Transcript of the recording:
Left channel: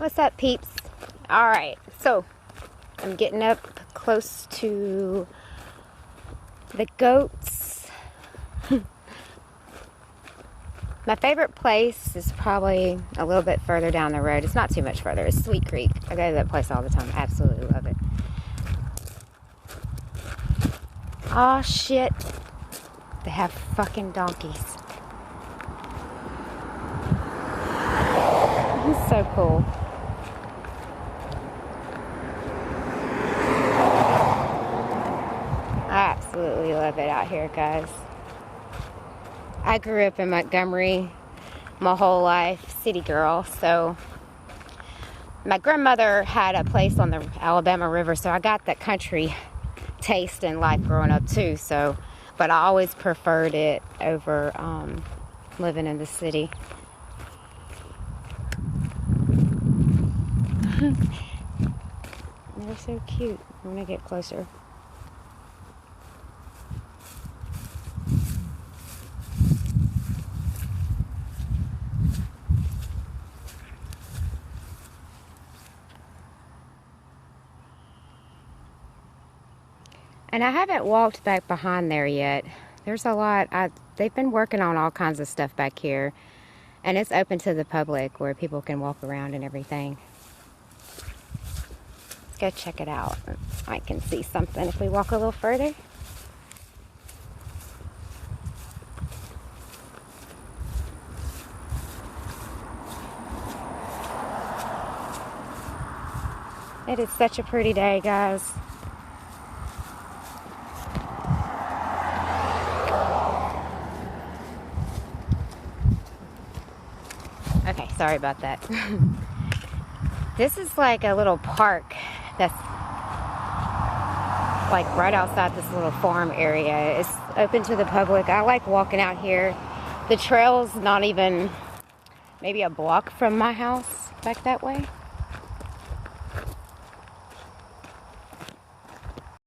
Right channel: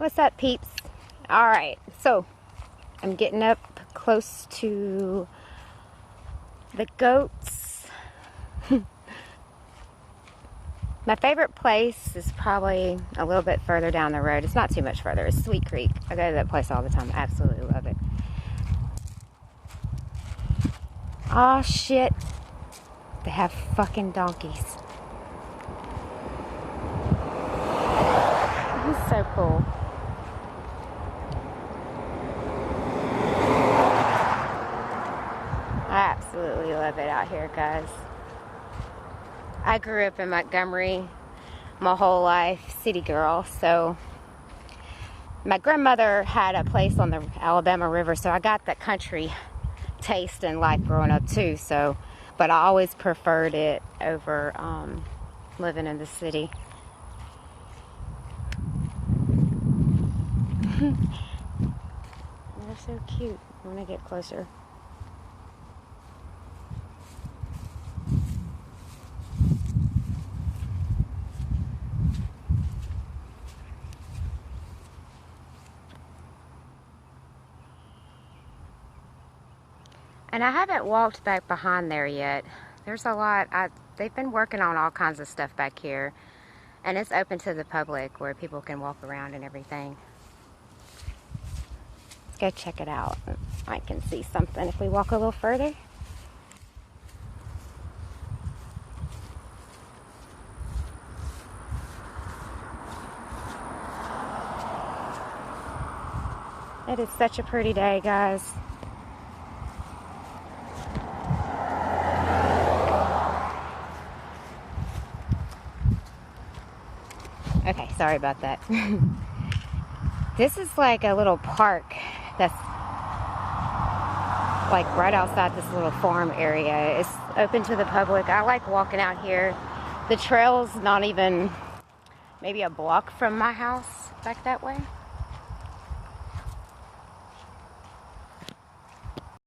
What's up, peeps? Alright, so I'm getting up close to the goats. My favorite place is probably a little bit further down the road. It's not too much further. It's Sweet Creek. I go to that place all the time. I absolutely love it. Aw, shit. They have fucking donkeys. This is so cool. I absolutely love it out here, guys. I grew up in Montgomery my whole life, city girl, so my grandmother had a place on the Alabama River, so I got that country taste in life growing up too, so, but I always preferred it over living in the city. They're so cute. I want to get closer. And I haven't walked back behind there yet. There's a lot. They've been working on all kinds of stuff back here. And it's open to the public where people can walk around and everything. Let's go check it out. I can see something if we walk a little further. It is such a pretty day, guys. Okay, sorry about that. This is like a little park that's like right outside this little farm area. It's open to the public. I like walking out here. The trail's not even maybe a block from my house back that way.